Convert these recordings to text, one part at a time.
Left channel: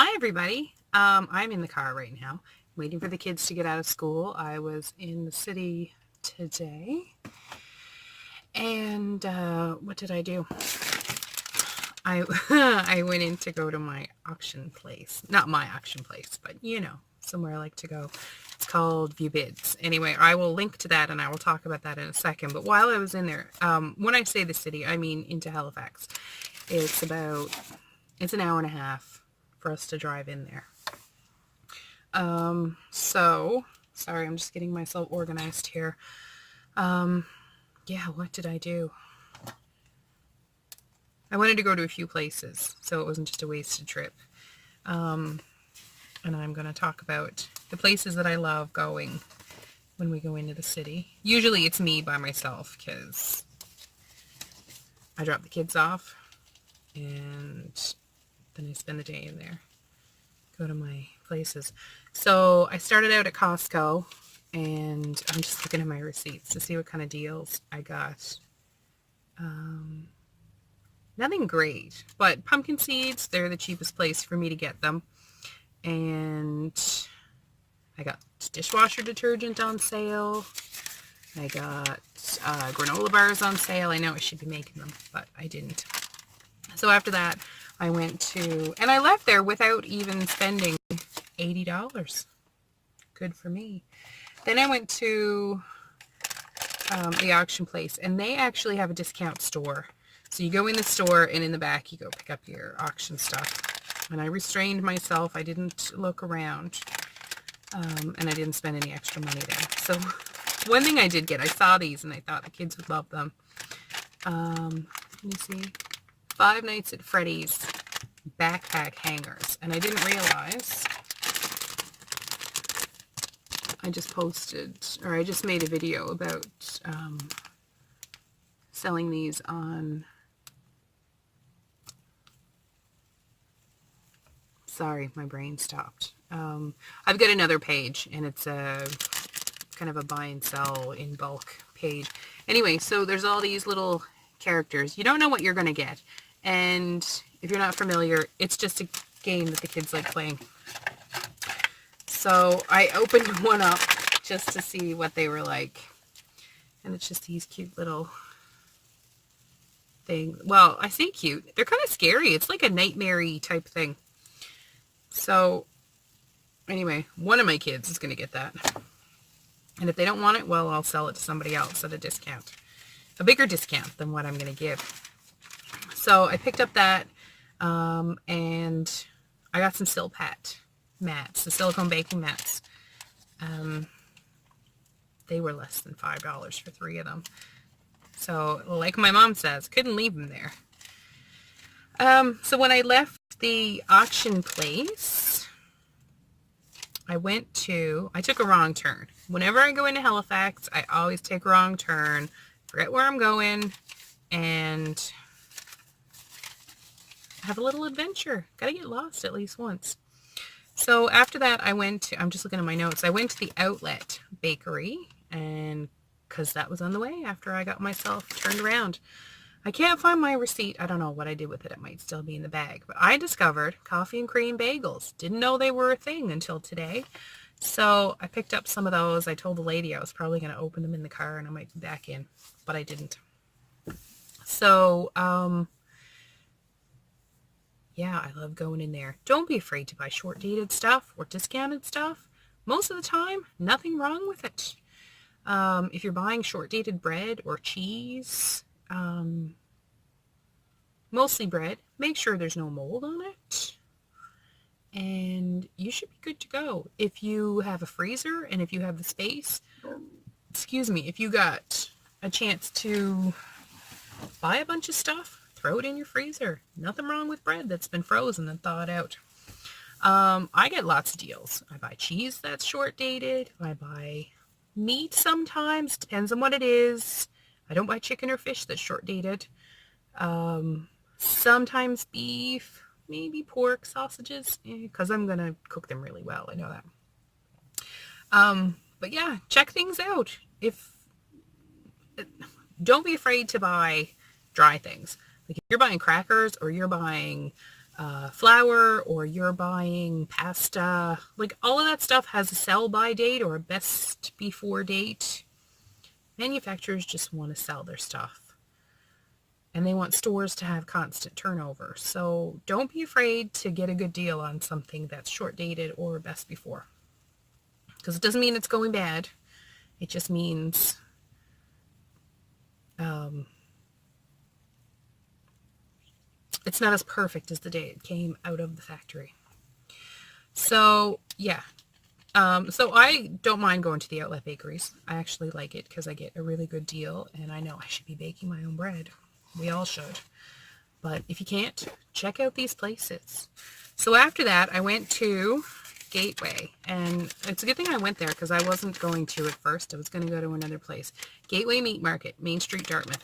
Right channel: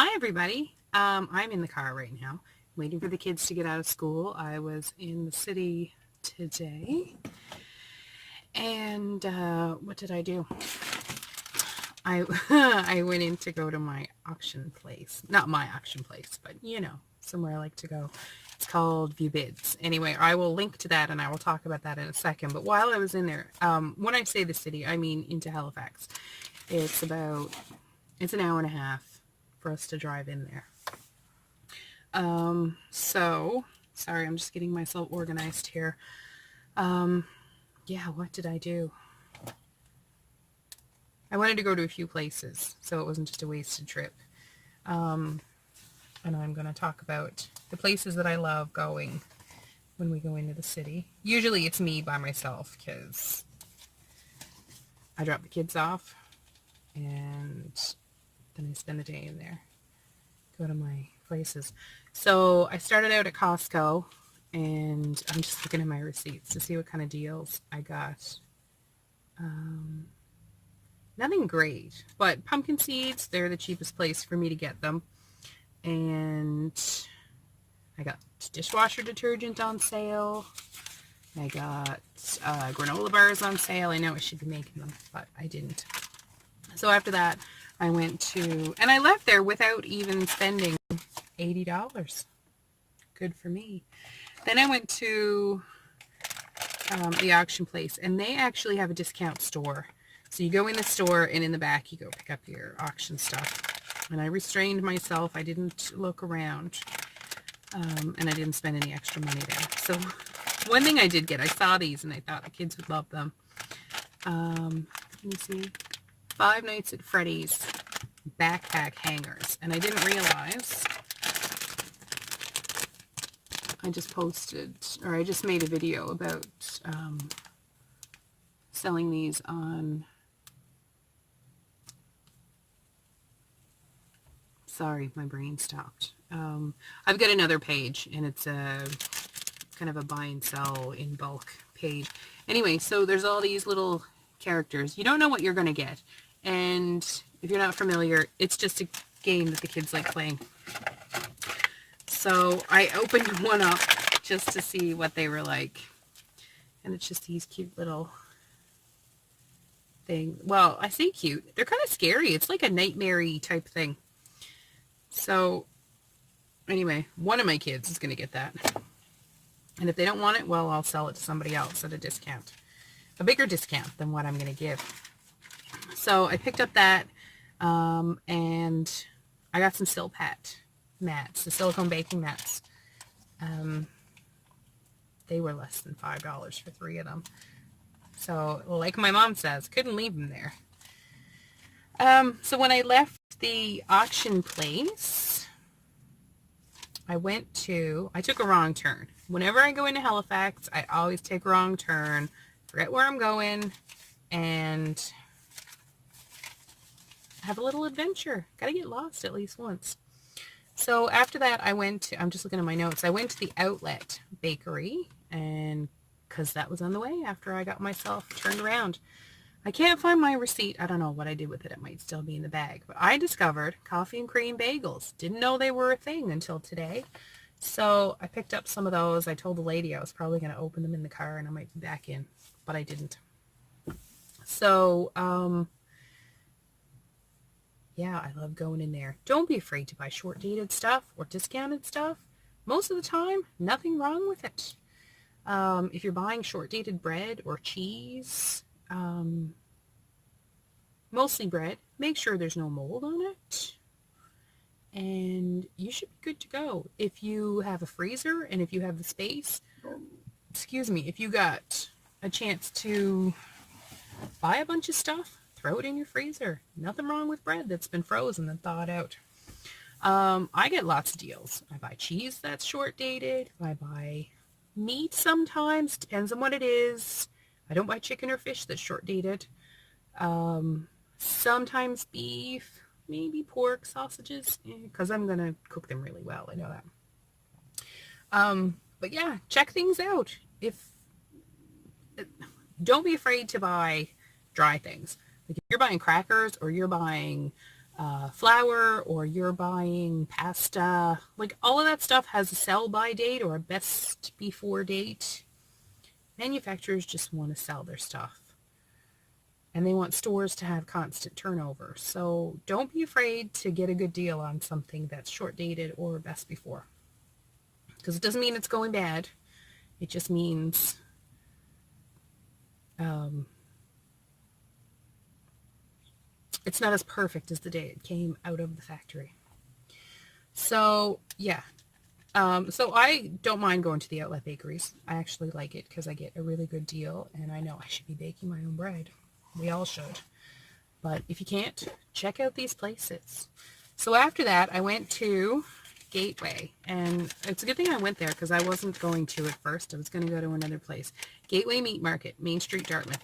Hi, everybody. I'm in the car right now, waiting for the kids to get out of school. I was in the city today, and what did I do? I I went in to go to my auction place. Not my auction place, but somewhere I like to go. It's called View Bids. Anyway, I will link to that, and I will talk about that in a second. But while I was in there, when I say the city, I mean into Halifax. It's an hour and a half for us to drive in there. So sorry, I'm just getting myself organized here. Yeah, what did I do? I wanted to go to a few places, so it wasn't just a wasted trip. And I'm going to talk about the places that I love going when we go into the city. Usually it's me by myself because I drop the kids off and then I spend the day in there. Go to my places. So I started out at Costco and I'm just looking at my receipts to see what kind of deals I got. Nothing great, but pumpkin seeds, they're the cheapest place for me to get them. And I got dishwasher detergent on sale. I got granola bars on sale. I know I should be making them, but I didn't. So after that, I went to, and I left there without even spending $80. Good for me. Then I went to the auction place, and they actually have a discount store. So you go in the store, and in the back, you go pick up your auction stuff. And I restrained myself. I didn't look around, and I didn't spend any extra money there. So one thing I did get, I saw these, and I thought the kids would love them. Let me see. Five Nights at Freddy's backpack hangers. And I didn't realize, I just made a video about selling these on, sorry, my brain stopped. I've got another page, and it's a kind of a buy and sell in bulk page. Anyway, so there's all these little characters. You don't know what you're going to get. And if you're not familiar, it's just a game that the kids like playing. So I opened one up just to see what they were like. And it's just these cute little things. Well, I say cute. They're kind of scary. It's like a nightmare-y type thing. So anyway, one of my kids is going to get that. And if they don't want it, well, I'll sell it to somebody else at a discount. A bigger discount than what I'm going to give. So I picked up that, and I got some Silpat mats, the silicone baking mats. They were less than $5 for 3 of them. So like my mom says, couldn't leave them there. So when I left the auction place, I took a wrong turn. Whenever I go into Halifax, I always take a wrong turn, forget where I'm going, and have a little adventure. Gotta get lost at least once. So after that, I'm just looking at my notes. I went to the Outlet Bakery, and because that was on the way after I got myself turned around. I can't find my receipt. I don't know what I did with it. It might still be in the bag. But I discovered coffee and cream bagels. Didn't know they were a thing until today. So I picked up some of those. I told the lady I was probably going to open them in the car and I might be back in, but I didn't. So, yeah, I love going in there. Don't be afraid to buy short-dated stuff or discounted stuff. Most of the time, nothing wrong with it. If you're buying short-dated bread or cheese, mostly bread, make sure there's no mold on it. And you should be good to go. If you have a freezer and if you have the space, if you got a chance to buy a bunch of stuff, throw it in your freezer. Nothing wrong with bread that's been frozen and thawed out. I get lots of deals. I buy cheese that's short dated. I buy meat sometimes. Depends on what it is. I don't buy chicken or fish that's short dated. Sometimes beef, maybe pork, sausages, because I'm going to cook them really well. I know that. But yeah, check things out. Don't be afraid to buy dry things. Like if you're buying crackers or you're buying flour, or you're buying pasta, like all of that stuff has a sell by date or a best before date. Manufacturers just want to sell their stuff, and they want stores to have constant turnover. So don't be afraid to get a good deal on something that's short dated or best before, because it doesn't mean it's going bad. It just means it's not as perfect as the day it came out of the factory. So yeah, so I don't mind going to the outlet bakeries. I actually like it because I get a really good deal, and I know I should be baking my own bread. We all should. But if you can't, check out these places. So after that, I went to Gateway, and it's a good thing I went there because I wasn't going to at first. I was going to go to another place. Gateway Meat Market, Main Street, Dartmouth.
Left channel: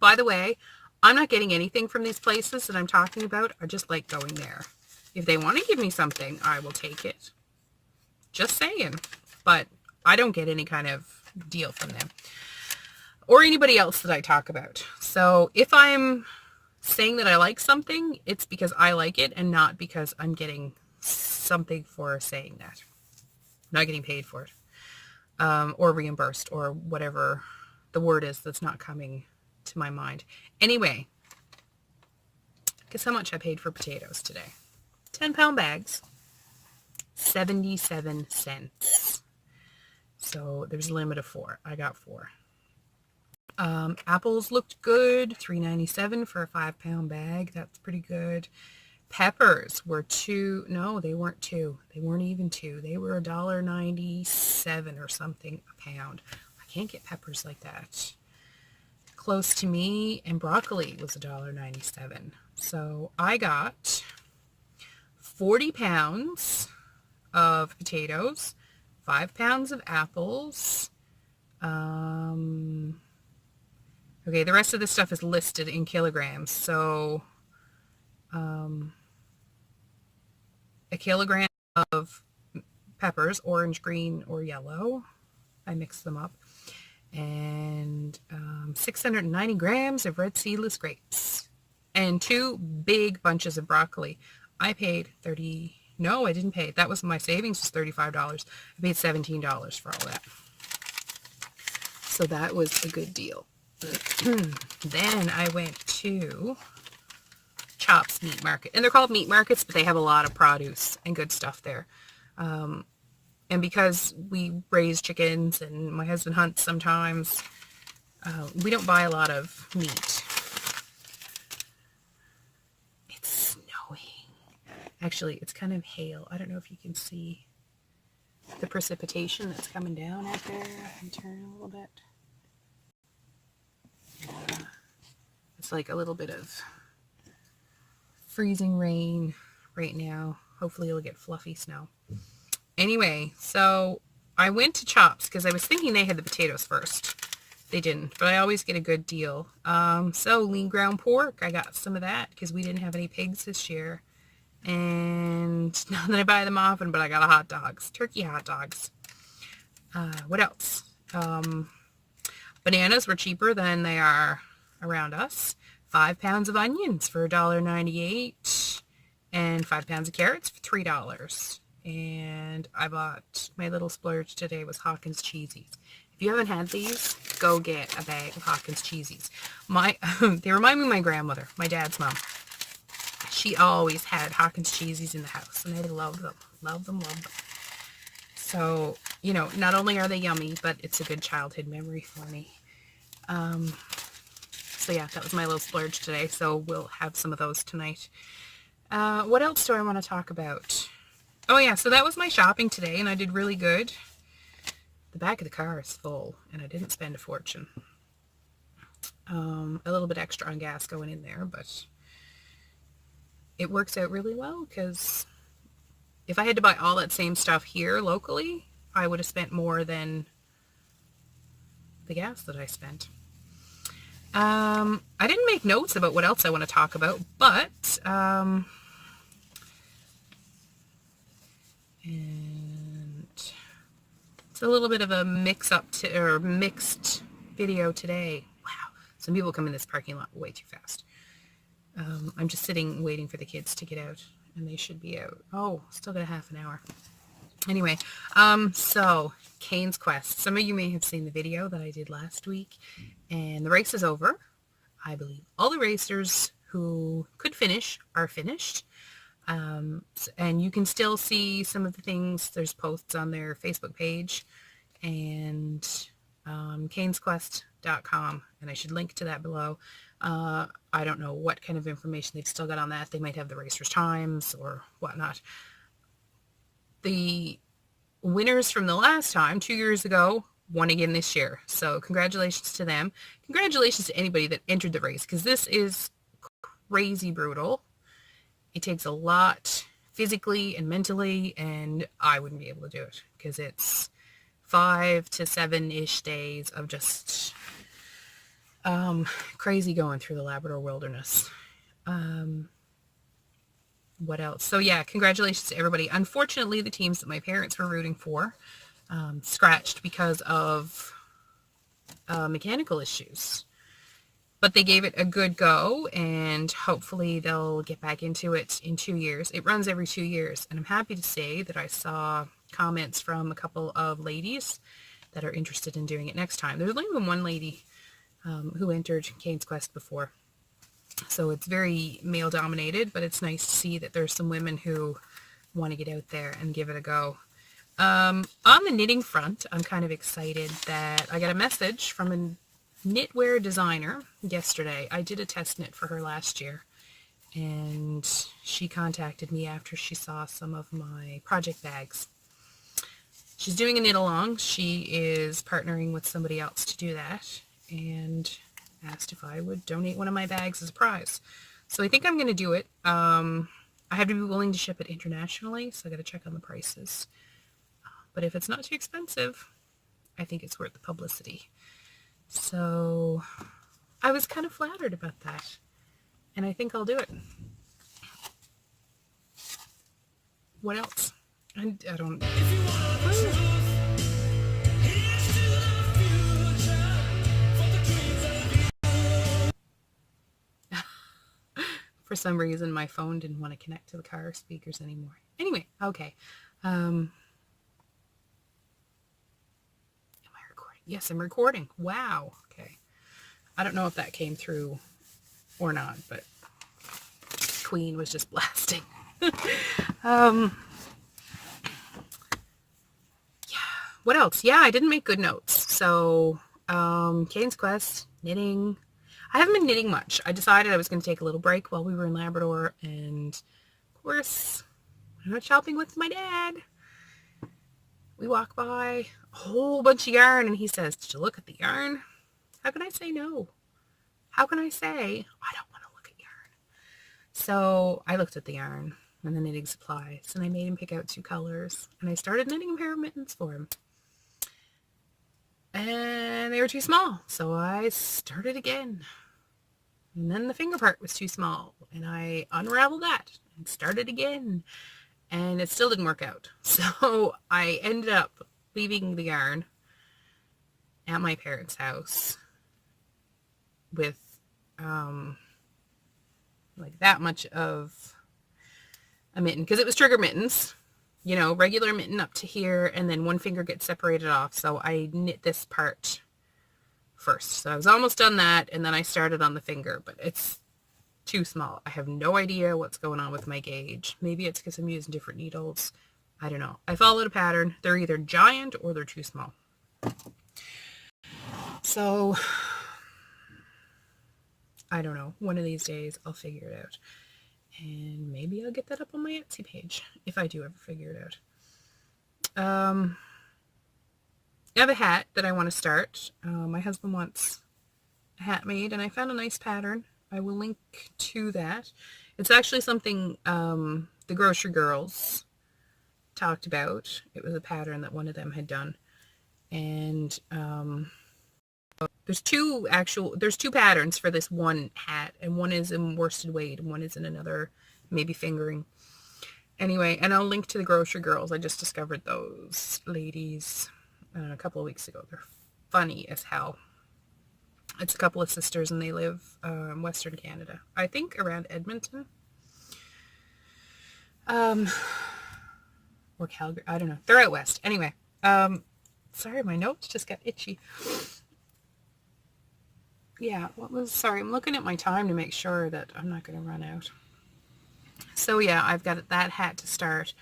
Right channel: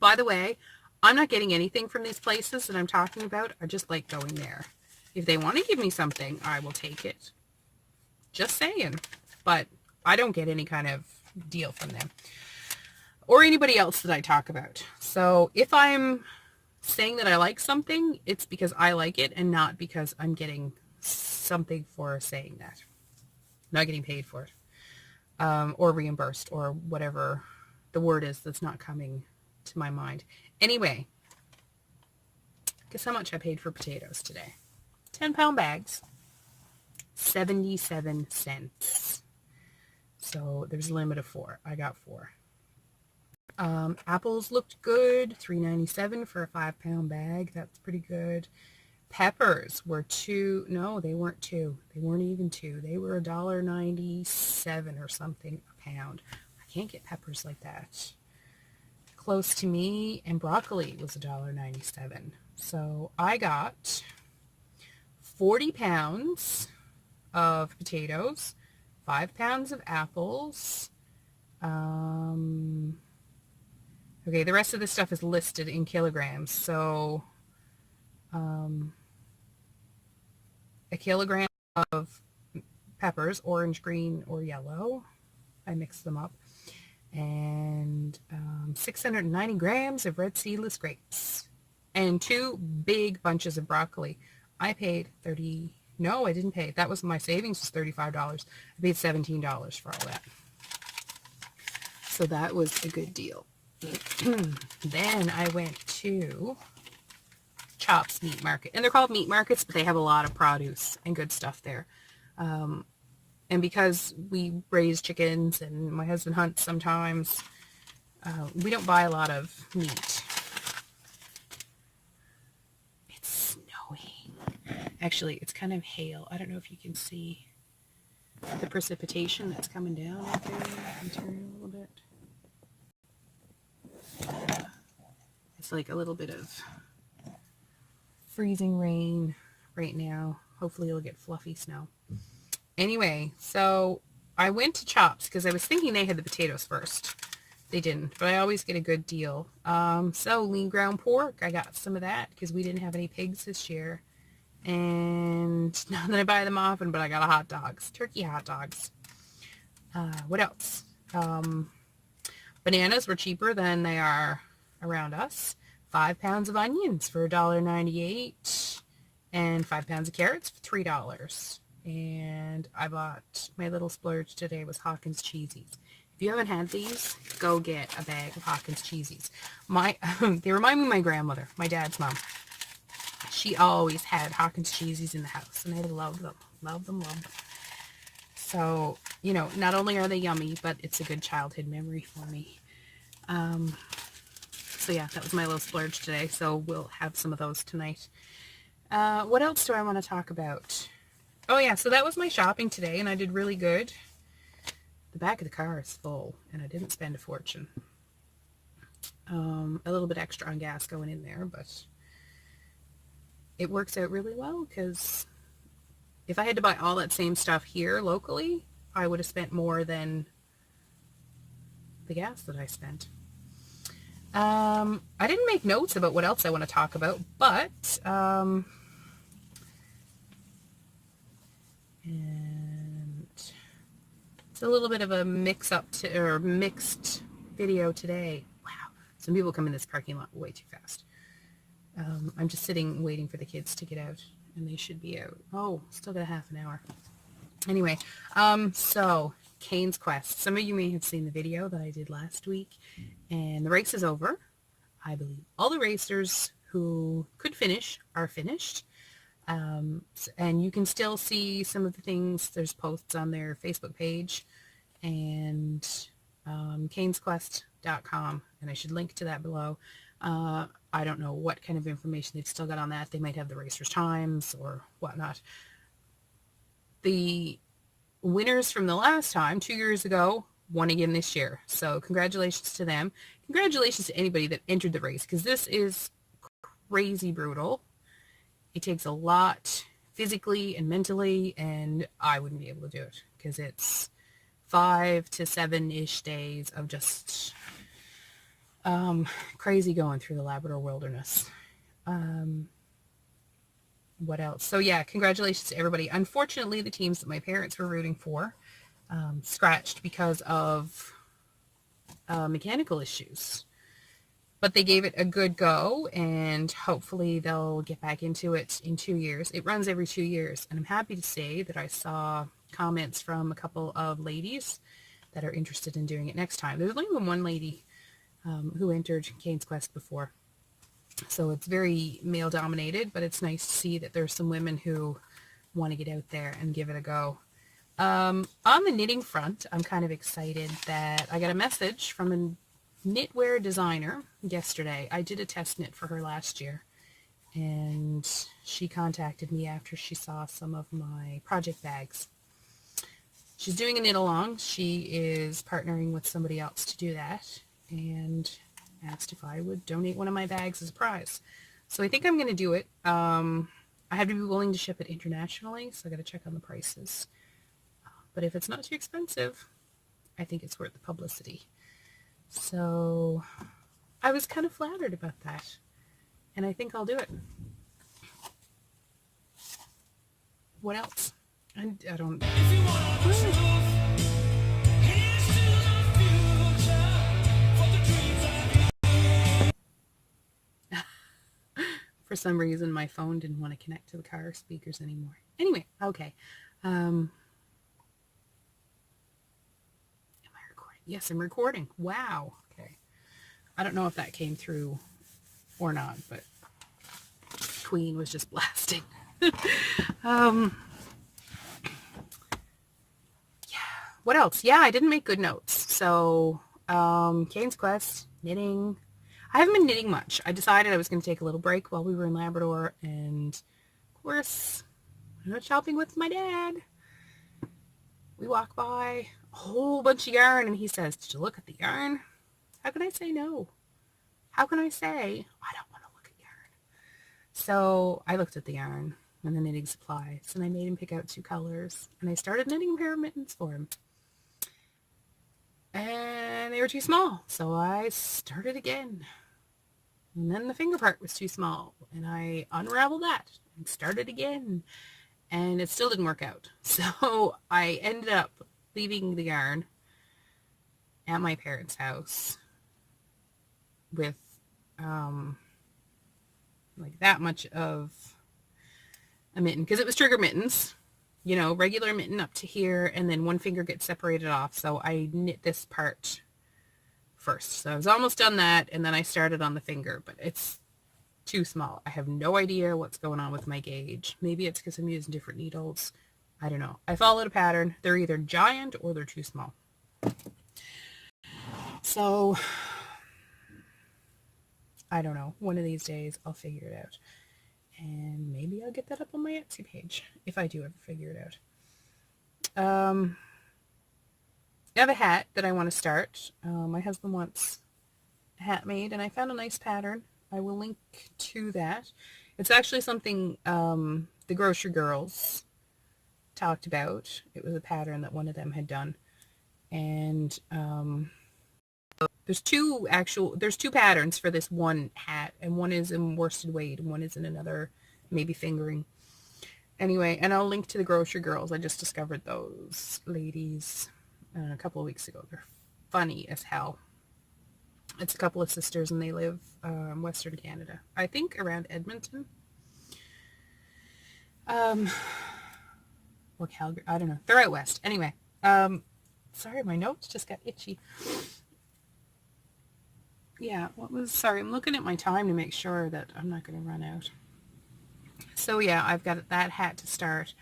By the way, I'm not getting anything from these places that I'm talking about. I just like going there. If they want to give me something, I will take it. Just saying. But I don't get any kind of deal from them or anybody else that I talk about. So if I'm saying that I like something, it's because I like it and not because I'm getting something for saying that. I'm not getting paid for it, or reimbursed, or whatever the word is that's not coming to my mind. Anyway, guess how much I paid for potatoes today? 10-pound bags, 77 cents. So there's a limit of 4. I got 4. Apples looked good, $3.97 for a 5-pound bag. That's pretty good. Peppers were 2. No, they weren't 2. They weren't even 2. They were $1.97 or something a pound. I can't get peppers like that close to me. And broccoli was $1.97. So I got 40 pounds of potatoes, 5 pounds of apples. Okay, the rest of this stuff is listed in kilograms. So a kilogram of peppers, orange, green, or yellow. I mixed them up. And 690 grams of red seedless grapes. And 2 big bunches of broccoli. I paid no, I didn't pay. That was my savings, was $35. I paid $17 for all that. So that was a good deal. Then I went to Chops Meat Market. And they're called meat markets, but they have a lot of produce and good stuff there. And because we raise chickens and my husband hunts sometimes, we don't buy a lot of meat. It's snowing. Actually, it's kind of hail. I don't know if you can see the precipitation that's coming down out there. I can turn a little bit. It's like a little bit of freezing rain right now. Hopefully it'll get fluffy snow. Anyway, so I went to Chops because I was thinking they had the potatoes first. They didn't, but I always get a good deal. So lean ground pork, I got some of that because we didn't have any pigs this year. And not that I buy them often, but I got a hot dogs, turkey hot dogs. What else? Bananas were cheaper than they are around us. 5 pounds of onions for $1.98 and 5 pounds of carrots for $3. And I bought, my little splurge today was Hawkins Cheesies. If you haven't had these, go get a bag of Hawkins Cheesies. They remind me of my grandmother, my dad's mom. She always had Hawkins Cheesies in the house, and I loved them. Loved them, loved them. So, you know, not only are they yummy, but it's a good childhood memory for me. So yeah, that was my little splurge today, so we'll have some of those tonight. What else do I want to talk about? Oh yeah, so that was my shopping today, and I did really good. The back of the car is full, and I didn't spend a fortune. A little bit extra on gas going in there, but it works out really well, because if I had to buy all that same stuff here locally, I would have spent more than the gas that I spent. I didn't make notes about what else I want to talk about, but and it's a little bit of a mixed video today. Wow, some people come in this parking lot way too fast. I'm just sitting waiting for the kids to get out, and they should be out. Oh, still got a half an hour. Anyway, so Cane's Quest. Some of you may have seen the video that I did last week, and the race is over. I believe all the racers who could finish are finished. And you can still see some of the things. There's posts on their Facebook page and canesquest.com, and I should link to that below. I don't know what kind of information they've still got on that. They might have the racers' times or whatnot. The winners from the last time, 2 years ago, won again this year. So congratulations to them. Congratulations to anybody that entered the race, because this is crazy brutal. It takes a lot physically and mentally, and I wouldn't be able to do it because it's 5 to 7-ish days of just crazy going through the Labrador wilderness. What else? So yeah, congratulations to everybody. Unfortunately, the teams that my parents were rooting for scratched because of mechanical issues. But they gave it a good go, and hopefully they'll get back into it in 2 years. It runs every 2 years, and I'm happy to say that I saw comments from a couple of ladies that are interested in doing it next time. There's only been one lady who entered Cane's Quest before. So it's very male dominated, but it's nice to see that there's some women who want to get out there and give it a go. On the knitting front, I'm kind of excited that I got a message from a knitwear designer yesterday. I did a test knit for her last year, and she contacted me after she saw some of my project bags. She's doing a knit along. She is partnering with somebody else to do that, and asked if I would donate one of my bags as a prize. So I think I'm going to do it. I have to be willing to ship it internationally, so I got to check on the prices. But if it's not too expensive, I think it's worth the publicity. So I was kind of flattered about that, and I think I'll do it. What else? I don't... For some reason, my phone didn't want to connect to the car speakers anymore. Anyway, okay. Am I recording? Yes, I'm recording. Wow. Okay. I don't know if that came through or not, but Queen was just blasting. Yeah. What else? Yeah, I didn't make good notes. So, Cane's Quest, knitting. I haven't been knitting much. I decided I was going to take a little break while we were in Labrador, and of course, I went shopping with my dad. We walk by a whole bunch of yarn, and he says, "Did you look at the yarn?" How can I say no? How can I say I don't want to look at yarn? So I looked at the yarn and the knitting supplies, and I made him pick out 2 colors, and I started knitting a pair of mittens for him. And they were too small, so I started again. And then the finger part was too small, and I unraveled that and started again, and it still didn't work out. So I ended up leaving the yarn at my parents' house with like that much of a mitten, because it was trigger mittens, you know, regular mitten up to here, and then one finger gets separated off. So I knit this part first. So I was almost done that, and then I started on the finger, but it's too small. I have no idea what's going on with my gauge. Maybe it's because I'm using different needles. I don't know. I followed a pattern. They're either giant or they're too small. So I don't know. One of these days I'll figure it out. And maybe I'll get that up on my Etsy page if I do ever figure it out. I have a hat that I want to start. My husband wants a hat made, and I found a nice pattern. I will link to that. It's actually something the Grocery Girls talked about. It was a pattern that one of them had done. And there's two patterns for this one hat, and one is in worsted weight and one is in another, maybe fingering. Anyway, and I'll link to the Grocery Girls. I just discovered those ladies a couple of weeks ago. They're funny as hell. It's a couple of sisters, and they live in Western Canada. I think around Edmonton. Or Calgary. I don't know. They're out west. Anyway. Sorry, my notes just got itchy. Yeah, sorry, I'm looking at my time to make sure that I'm not going to run out. So yeah, I've got that hat to start.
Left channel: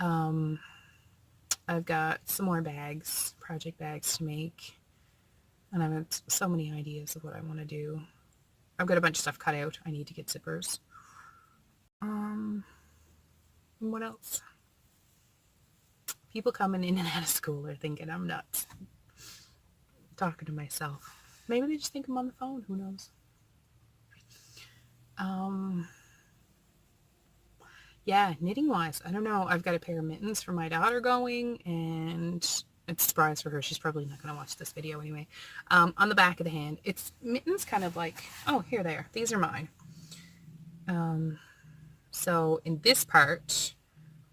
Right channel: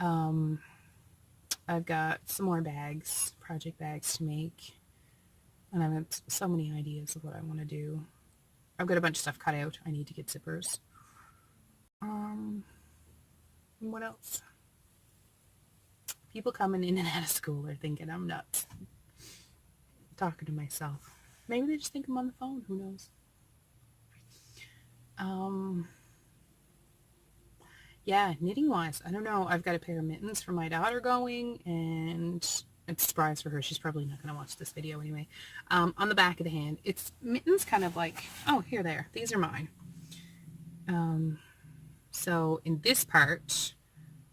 I've got some more bags, project bags to make. And I've got so many ideas of what I want to do. I've got a bunch of stuff cut out. I need to get zippers. What else? People coming in and out of school are thinking I'm nuts. Talking to myself. Maybe they just think I'm on the phone. Who knows? Yeah, knitting wise, I don't know. I've got a pair of mittens for my daughter going, and it's a surprise for her. She's probably not going to watch this video anyway. On the back of the hand, it's mittens kind of like, oh, here they are. These are mine. So in this part,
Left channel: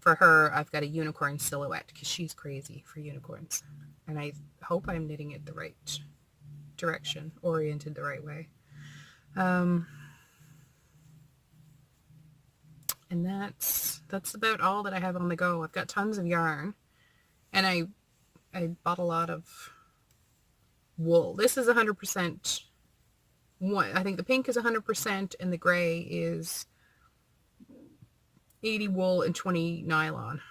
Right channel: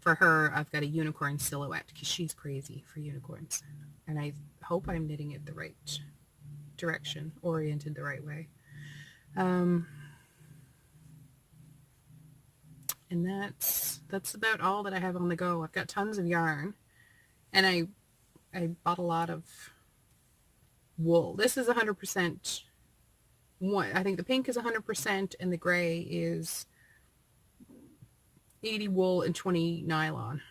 for her, I've got a unicorn silhouette because she's crazy for unicorns. And I hope I'm knitting it the right direction, oriented the right way. And that's about all that I have on the go. I've got tons of yarn, and I bought a lot of wool. This is 100%. I think the pink is 100%, and the gray is 80 wool and 20 nylon.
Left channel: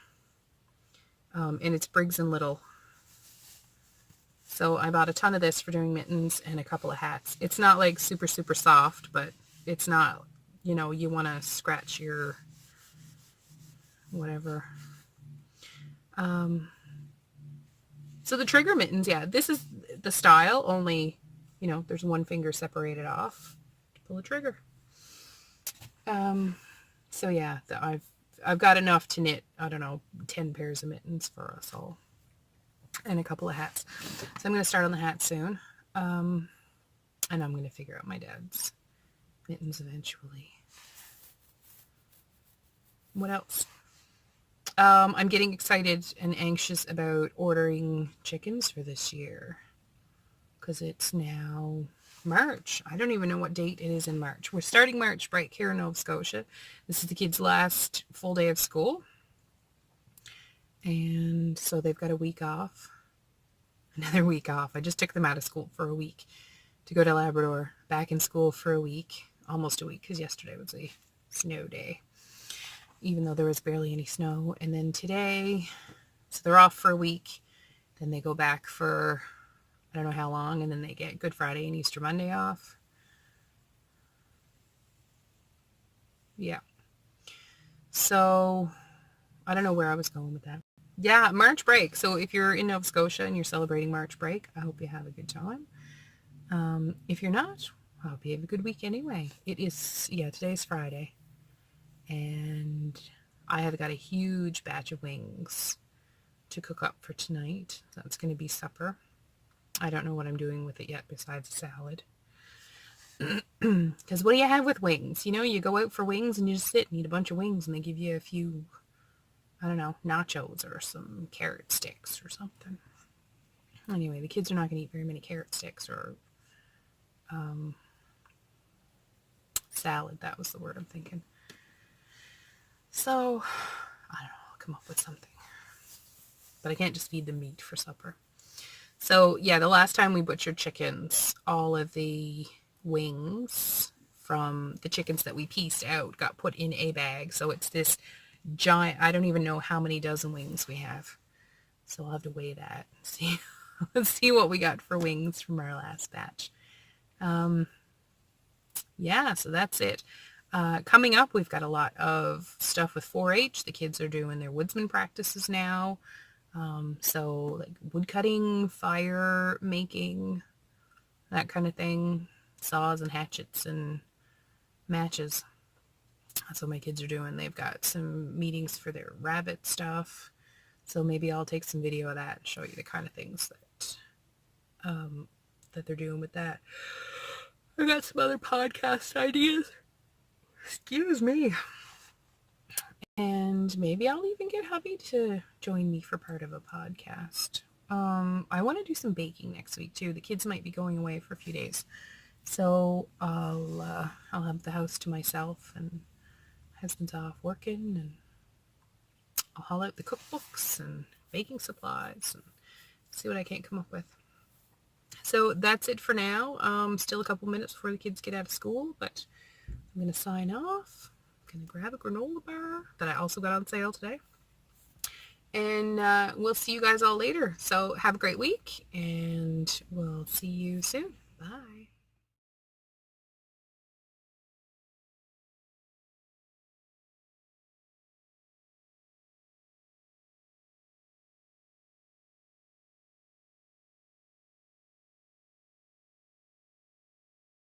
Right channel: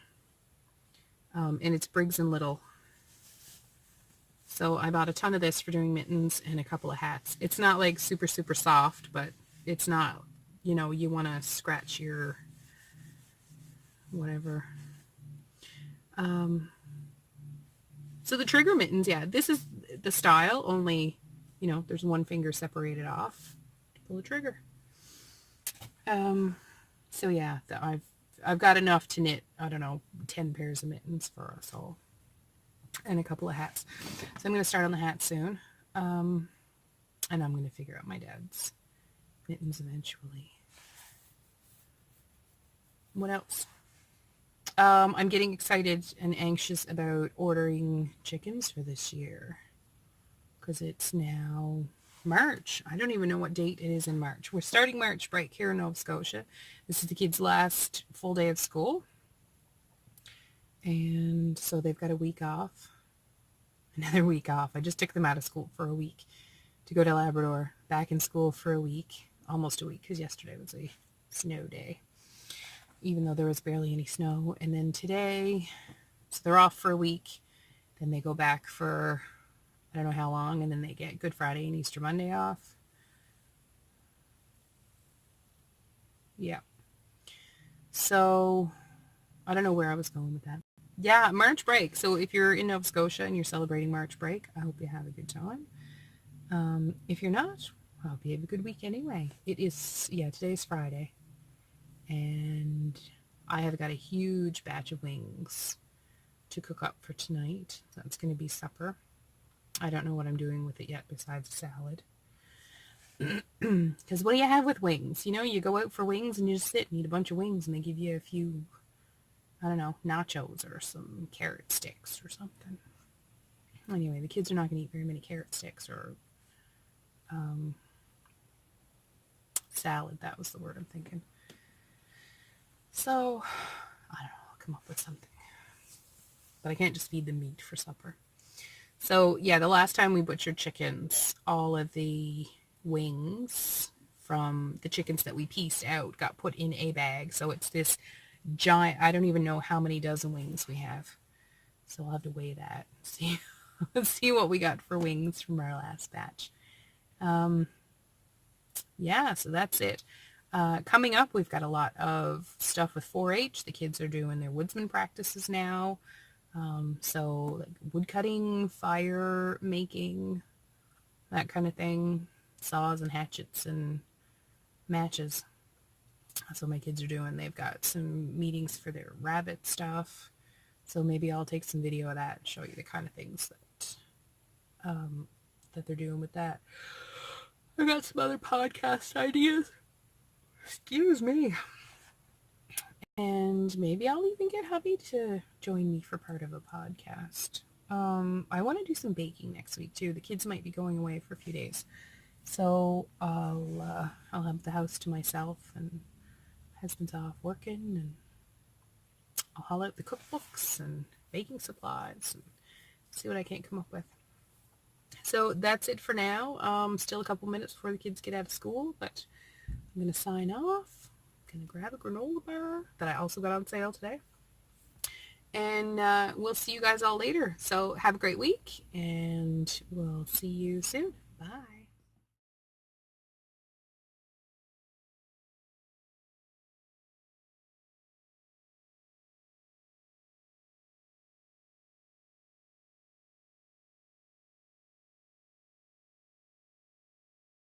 And it's Briggs and Little. So I bought a ton of this for doing mittens and a couple of hats. It's not like super, super soft, but it's not, you know, you want to scratch your whatever. So the trigger mittens, yeah, this is the style, only, you know, there's one finger separated off to pull the trigger. So yeah, I've got enough to knit, I don't know, 10 pairs of mittens for us all. And a couple of hats. So I'm going to start on the hat soon. And I'm going to figure out my dad's mittens eventually. What else? I'm getting excited and anxious about ordering chickens for this year. Because it's now March. I don't even know what date it is in March. We're starting March break here in Nova Scotia. This is the kids' last full day of school. And so they've got a week off. Another week off. I just took them out of school for a week to go to Labrador. Back in school for a week. Almost a week, because yesterday was a snow day. Even though there was barely any snow. And then today, so they're off for a week. Then they go back for, I don't know how long. And then they get Good Friday and Easter Monday off. Yeah. So, I don't know where I was going with that. Yeah, March break. So if you're in Nova Scotia and you're celebrating March break, I hope you have a good time. If you're not, I hope you have a good week anyway. It is, yeah, today's Friday. And I have got a huge batch of wings to cook up for tonight. That's going to be supper. I don't know what I'm doing with it yet besides salad. Because what do you have with wings? You know, you go out for wings and you just sit and eat a bunch of wings and they give you a few, I don't know, nachos or some carrot sticks or something. Anyway, the kids are not going to eat very many carrot sticks or salad. That was the word I'm thinking. So, I don't know, I'll come up with something. But I can't just feed them meat for supper. So, yeah, the last time we butchered chickens, all of the wings from the chickens that we pieced out got put in a bag. So it's this giant, I don't even know how many dozen wings we have. So I'll have to weigh that. See, let's see what we got for wings from our last batch. Yeah, so that's it. Coming up, we've got a lot of stuff with 4-H. The kids are doing their woodsman practices now. So like wood cutting, fire making, that kind of thing. Saws and hatchets and matches. That's what my kids are doing. They've got some meetings for their rabbit stuff. So maybe I'll take some video of that and show you the kind of things that they're doing with that. I got some other podcast ideas. Excuse me. And maybe I'll even get hubby to join me for part of a podcast. I want to do some baking next week too. The kids might be going away for a few days. So I'll have the house to myself, and husband's off working, and I'll haul out the cookbooks and baking supplies and see what I can't come up with. So that's it for now. Still a couple minutes before the kids get out of school, but I'm going to sign off. I'm going to grab a granola bar that I also got on sale today. And we'll see you guys all later. So have a great week, and we'll see you soon. Bye.